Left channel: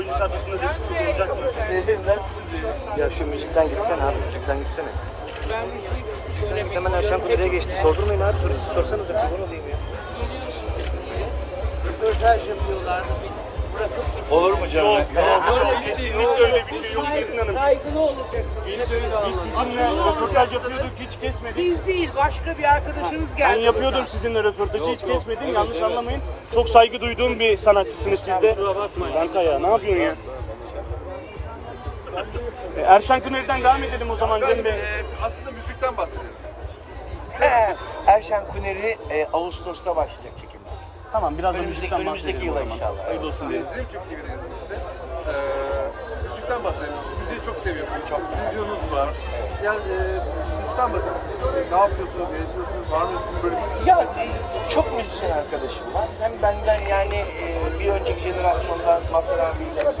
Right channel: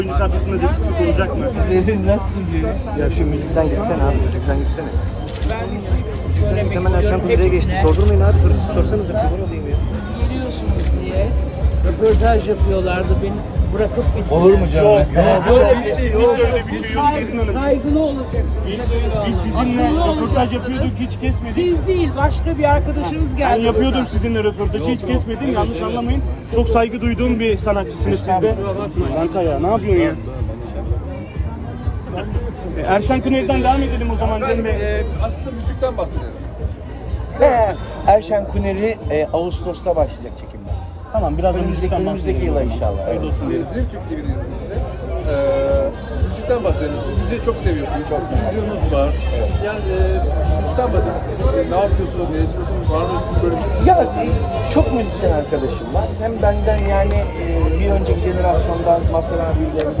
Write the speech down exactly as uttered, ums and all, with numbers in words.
Oyuncu kadrosunda değişiklik olacak mı? Zehir nasılsın Zehir? Ya şu müzikten geçsene abi, müzikten geçsene. Ben söylemek istiyorum. Buraya geçti. Sordurmayın abi. Burası sorsanız ya. Biliyorsunuz diye röportaj yapıyorlardı. Beni bırakıp gitti. Olur mu canım? Yok, Böyle yok, bir şey yok, yok. öyle bir şey yok Zerrin Hanım. Saygılı olacaksınız. Biz, biz sizinle Akıllı röportaj olacaksınız. yapıyorduk, hiç kesmedik. Siz değil, başka bir arkadaşınız Ben geldi. yapıyordum buradan. sizinle röportajı, hiç kesmedim. Yanlış anlamayın. Çok saygı duyduğum bir sanatçısınız siz de. Harika ya, ne yapıyorsun ya? E, Erşan Kuneri'den devam edelim o zaman Cem Bey. Ee, aslında müzikten bahsedelim. Erşen Kuneri e, Ağustos'ta başlayacak çekimler. Tamam, biraz da Önümüzdeki, müzikten önümüzdeki bahsedelim o yıla zaman. inşallah. Hayırlı olsun Ee, diyelim. Dream Türk T V'deyiz biz de. Ee, müzikten bahsedelim. Siz müziği çok seviyorsunuz. Çok videonuz var. Yani e, müzikten bahsedelim. E, ne yapıyorsunuz, ne yaşıyorsunuz falan. Sizin böyle bir Ya e, çok müzisyen arkadaşım var. Hem benden yani e, bir önceki jenerasyondan Mazhar abiyle